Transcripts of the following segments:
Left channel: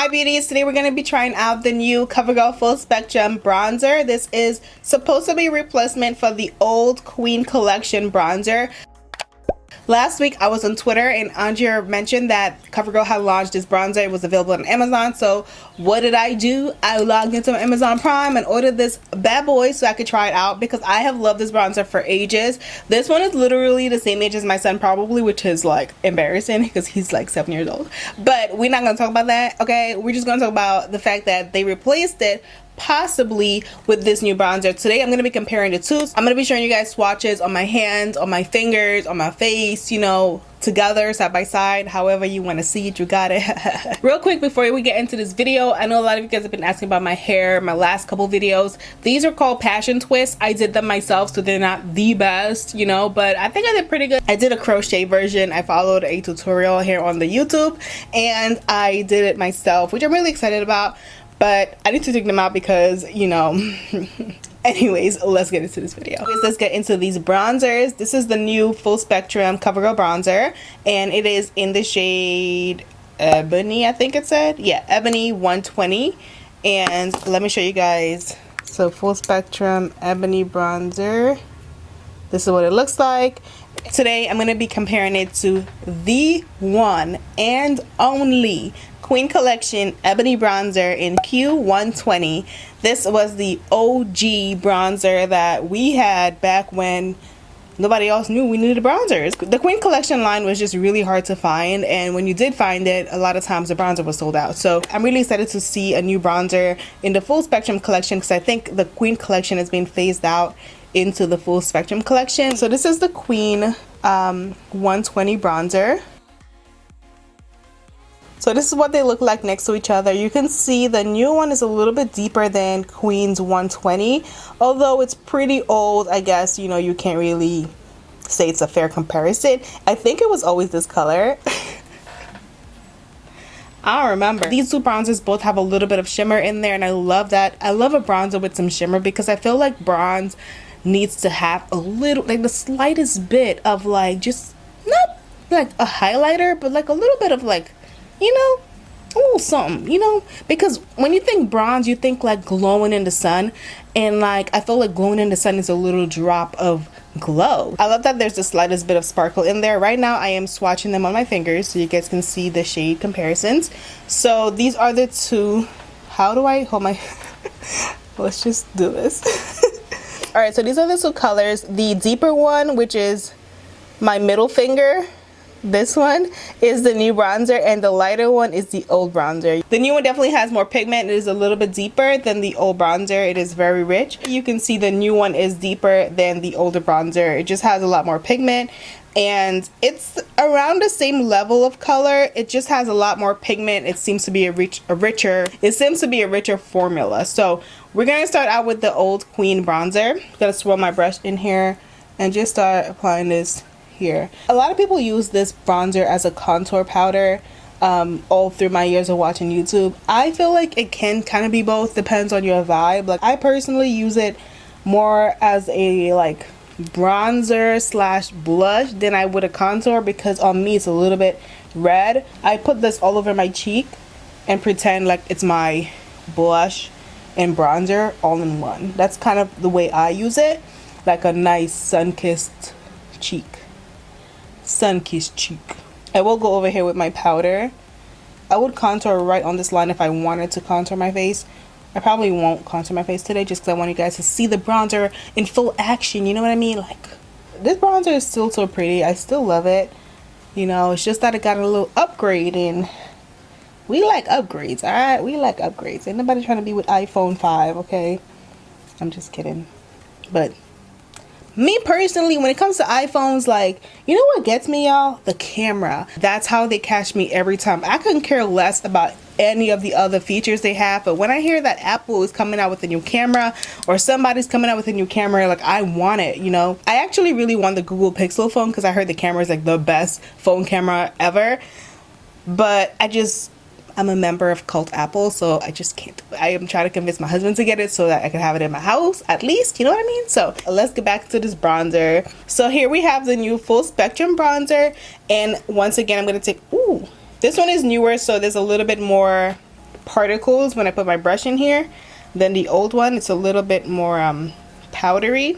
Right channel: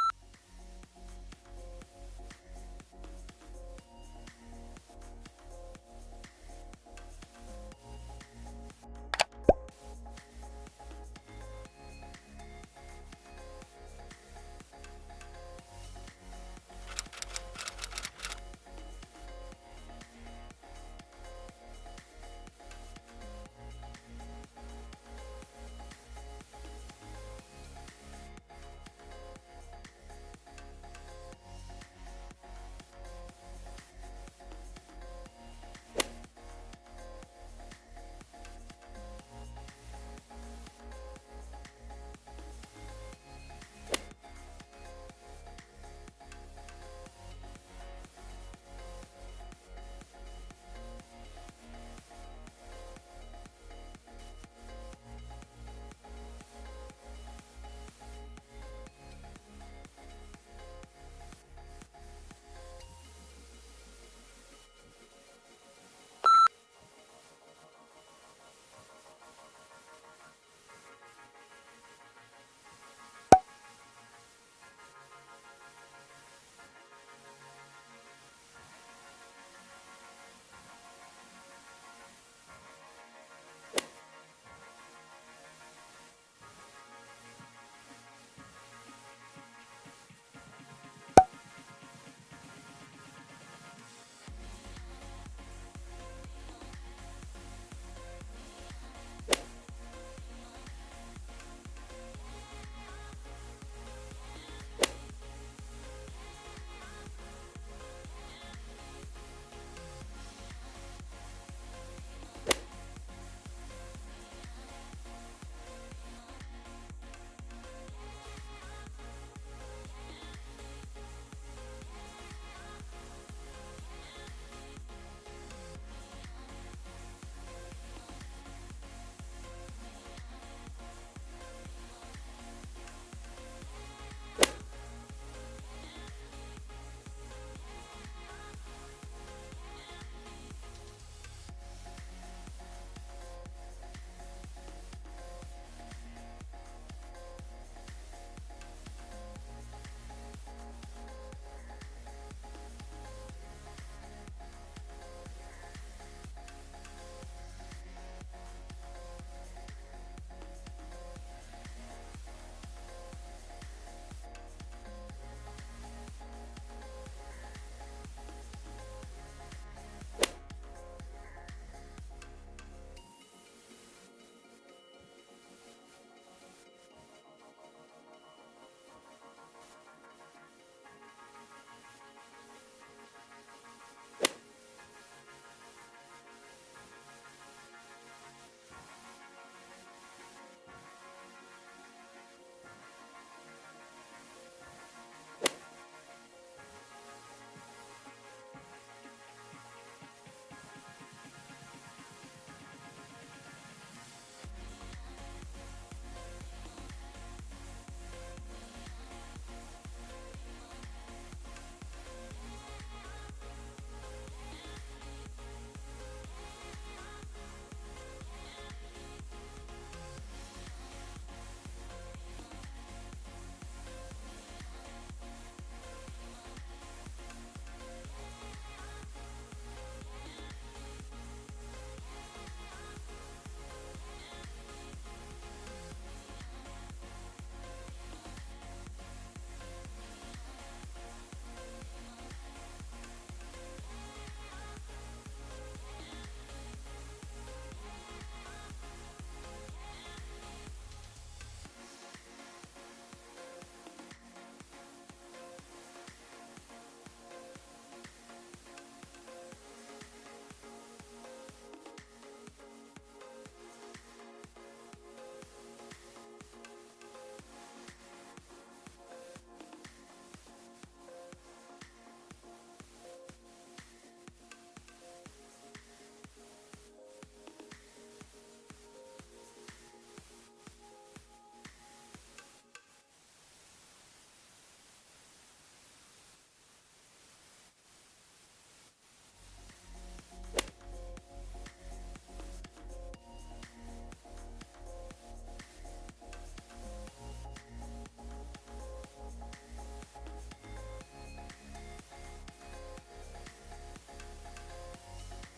Hi beauties, today we're going to be trying out the new Covergirl Full Spectrum Bronzer. This is supposed to be a replacement for the old Queen Collection Bronzer. Last week I was on Twitter and Andrea mentioned that Covergirl had launched this bronzer. It was available on Amazon. So what did I do? I logged into Amazon Prime and ordered this bad boy so I could try it out because I have loved this bronzer for ages. This one is literally the same age as my son probably, which is like embarrassing because he's like 7 years old. But we're not going to talk about that, okay? We're just going to talk about the fact that they replaced it possibly with this new bronzer. Today I'm going to be comparing the two. I'm going to be showing you guys swatches on my hands, on my fingers, on my face, you know, together, side by side, however you want to see it, you got it. Real quick before we get into this video, I know a lot of you guys have been asking about my hair, my last couple videos. These are called passion twists. I did them myself, so they're not the best, you know, but I think I did pretty good. I did a crochet version. I followed a tutorial here on the YouTube and I did it myself, which I'm really excited about. But I need to take them out because, you know, anyways, let's get into this video. Let's get into these bronzers. This is the new Full Spectrum Covergirl Bronzer, and it is in the shade Ebony, I think it said. Yeah, Ebony 120. And let me show you guys. So Full Spectrum Ebony Bronzer. This is what it looks like. Today, I'm going to be comparing it to the one and only Queen Collection Ebony Bronzer in Q120. This was the OG bronzer that we had back when nobody else knew we needed bronzers. The Queen Collection line was just really hard to find, and when you did find it, a lot of times the bronzer was sold out. So I'm really excited to see a new bronzer in the Full Spectrum Collection because I think the Queen Collection is being phased out into the Full Spectrum Collection. So this is the Queen 120 bronzer. So this is what they look like next to each other. You can see the new one is a little bit deeper than Queen's 120. Although it's pretty old, I guess, you know, you can't really say it's a fair comparison. I think it was always this color. I don't remember. These two bronzers both have a little bit of shimmer in there, and I love that. I love a bronzer with some shimmer because I feel like bronze needs to have a little, like the slightest bit of like, just not like a highlighter, but like a little bit of like, you know, a little something, you know, because when you think bronze, you think like glowing in the sun, and like I feel like glowing in the sun is a little drop of glow. I love that there's the slightest bit of sparkle in there. Right now I am swatching them on my fingers so you guys can see the shade comparisons. So these are the two. How do I hold my let's just do this. All right, so these are the two colors. The deeper one, which is my middle finger, this one is the new bronzer, and the lighter one is the old bronzer. The new one definitely has more pigment. It is a little bit deeper than the old bronzer. It is very rich. You can see the new one is deeper than the older bronzer. It just has a lot more pigment, and it's around the same level of color. It just has a lot more pigment. It seems to be a richer formula. So we're gonna start out with the old Queen bronzer. I'm gonna swirl my brush in here and just start applying this here. A lot of people use this bronzer as a contour powder all through my years of watching YouTube. I feel like it can kind of be both, depends on your vibe. Like I personally use it more as a like bronzer slash blush than I would a contour because on me it's a little bit red. I put this all over my cheek and pretend like it's my blush and bronzer all in one. That's kind of the way I use it, like a nice sun-kissed cheek. Sun-kissed cheek. I will go over here with my powder. I would contour right on this line if I wanted to contour my face. I probably won't contour my face today just because I want you guys to see the bronzer in full action, you know what I mean? Like, this bronzer is still so pretty. I still love it. You know, it's just that it got a little upgrade, and we like upgrades, alright? We like upgrades. Ain't nobody trying to be with iPhone 5, okay? I'm just kidding. But me personally, when it comes to iPhones, like, you know what gets me, y'all? The camera. That's how they catch me every time. I couldn't care less about any of the other features they have, but when I hear that Apple is coming out with a new camera or somebody's coming out with a new camera, like, I want it, you know? I actually really want the Google Pixel phone because I heard the camera is like the best phone camera ever, but I'm a member of Cult Apple, so I just can't. I am trying to convince my husband to get it so that I can have it in my house, at least, you know what I mean? So let's get back to this bronzer. So here we have the new Full Spectrum Bronzer, and once again, I'm going to take, this one is newer, so there's a little bit more particles when I put my brush in here than the old one. It's a little bit more powdery.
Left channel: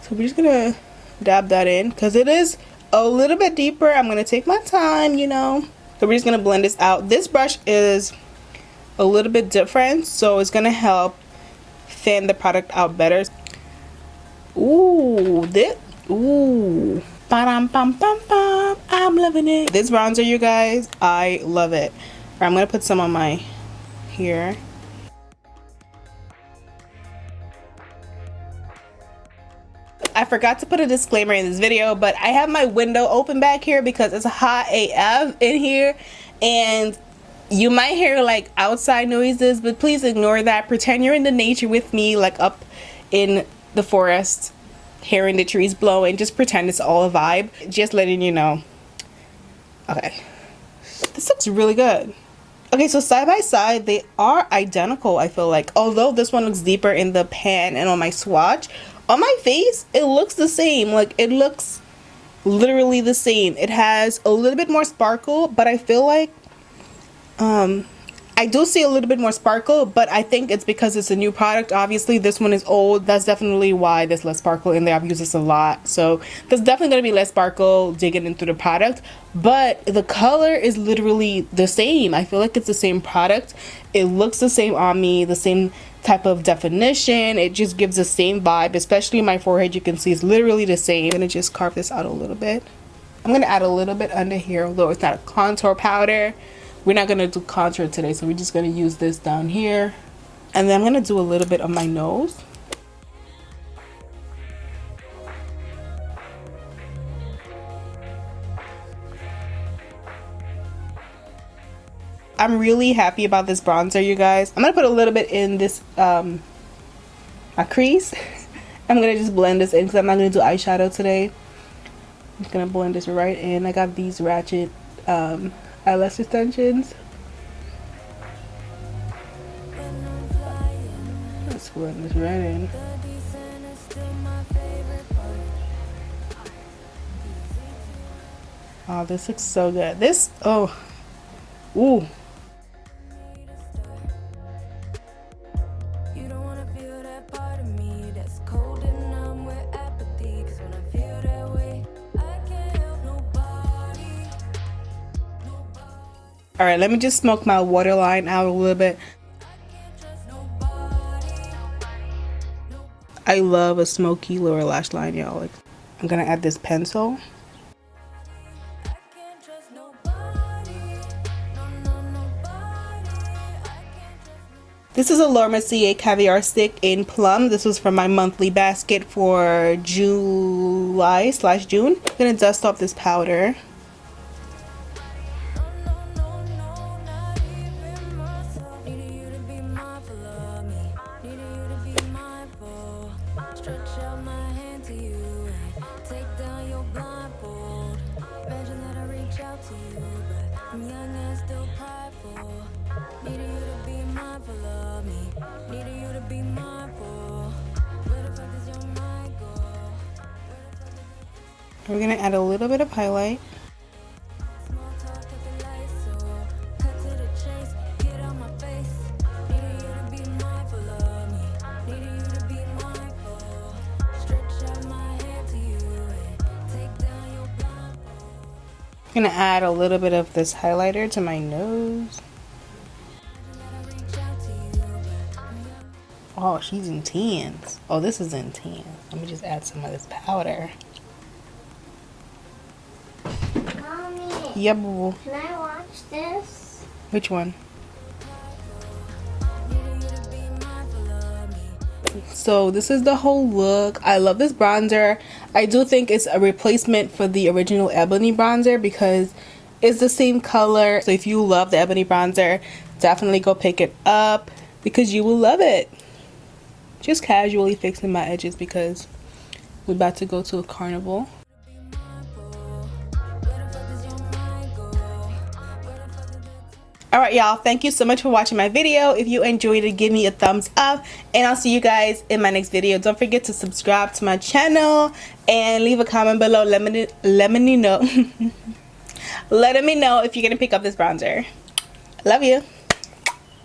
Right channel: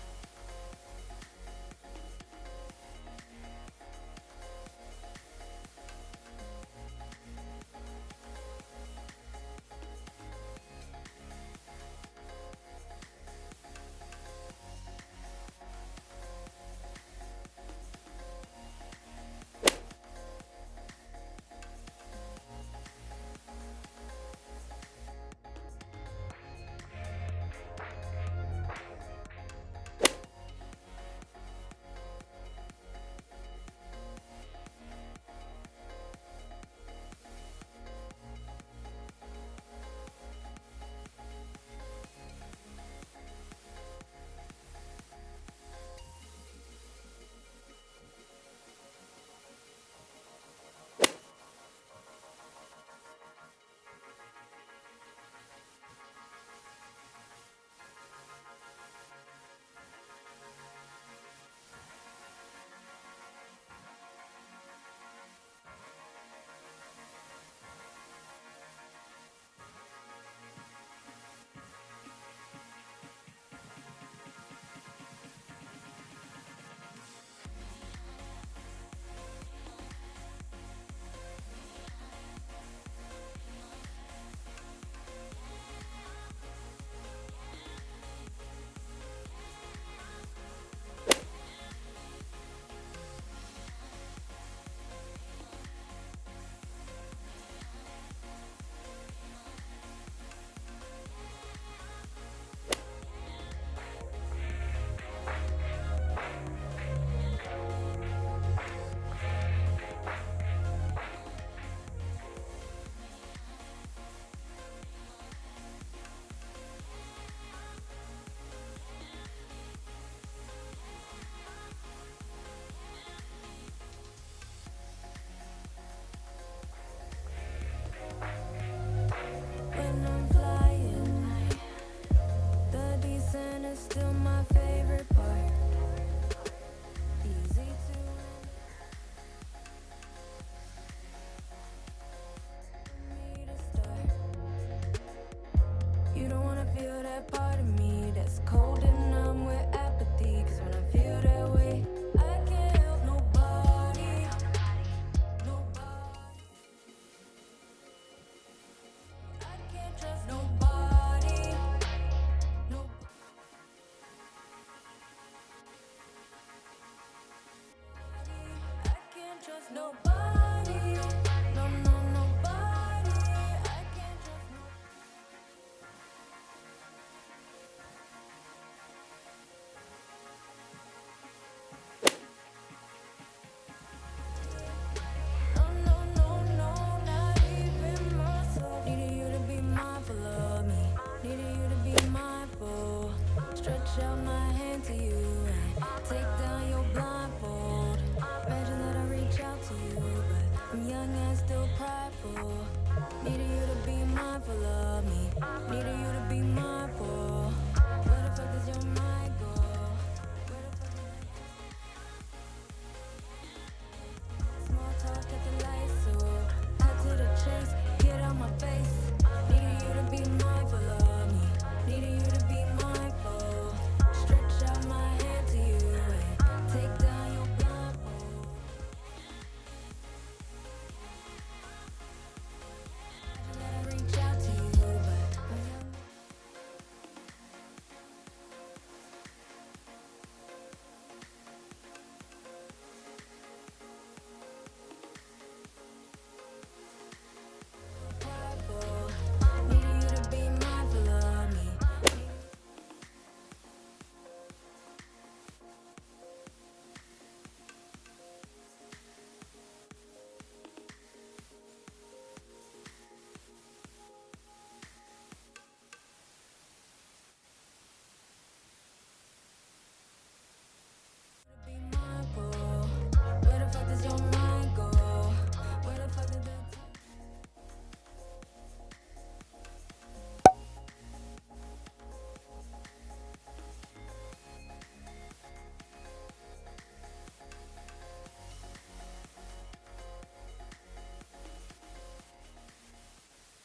So we're just gonna dab that in because it is a little bit deeper. I'm gonna take my time, you know. So we're just gonna blend this out. This brush is a little bit different, so it's gonna help fan the product out better. Ooh, ooh. Ba-dum, bum, bum, bum. I'm loving it. This bronzer, you guys, I love it. I'm gonna put some on my here. I forgot to put a disclaimer in this video, but I have my window open back here because it's hot AF in here, and you might hear like outside noises, but please ignore that. Pretend you're in the nature with me, like up in the forest, hearing the trees blowing. Just pretend it's all a vibe. Just letting you know. Okay, this looks really good. Okay, so side by side, they are identical, I feel like. Although this one looks deeper in the pan and on my swatch, on my face, it looks the same. Like, it looks literally the same. It has a little bit more sparkle, but I feel like I do see a little bit more sparkle, but I think it's because it's a new product. Obviously, this one is old. That's definitely why there's less sparkle in there. I've used this a lot. So there's definitely going to be less sparkle digging into the product. But the color is literally the same. I feel like it's the same product. It looks the same on me, the same type of definition. It just gives the same vibe, especially my forehead. You can see it's literally the same. I'm going to just carve this out a little bit. I'm going to add a little bit under here, although it's not a contour powder. We're not going to do contour today, so we're just going to use this down here. And then I'm going to do a little bit on my nose. I'm really happy about this bronzer, you guys. I'm going to put a little bit in this crease. I'm going to just blend this in because I'm not going to do eyeshadow today. I'm just going to blend this right in. I got these ratchet eyelash extensions. Let's blend this right in. Oh, this looks so good. This, oh, ooh. You don't want to feel that part of me that's cold and numb with apathy, because when I feel that way, I can't help nobody. All right, let me just smoke my waterline out a little bit. I love a smoky lower lash line, y'all. Like, I'm gonna add this pencil. This is a Laura Mercier caviar stick in plum. This was from my monthly basket for July/June. I'm gonna dust off this powder. We're gonna add a little bit of highlight. I'm gonna add a little bit of this highlighter to my nose. Oh, she's intense. Oh, this is intense. Let me just add some of this powder. Mommy, yeah, boo. Can I watch this? Which one? So this is the whole look. I love this bronzer. I do think it's a replacement for the original Ebony bronzer because it's the same color. So if you love the Ebony bronzer, definitely go pick it up because you will love it. Just casually fixing my edges because we're about to go to a carnival. Alright, y'all, thank you so much for watching my video. If you enjoyed it, give me a thumbs up, and I'll see you guys in my next video. Don't forget to subscribe to my channel and leave a comment below. Let me know letting me know if you're gonna pick up this bronzer. Love you.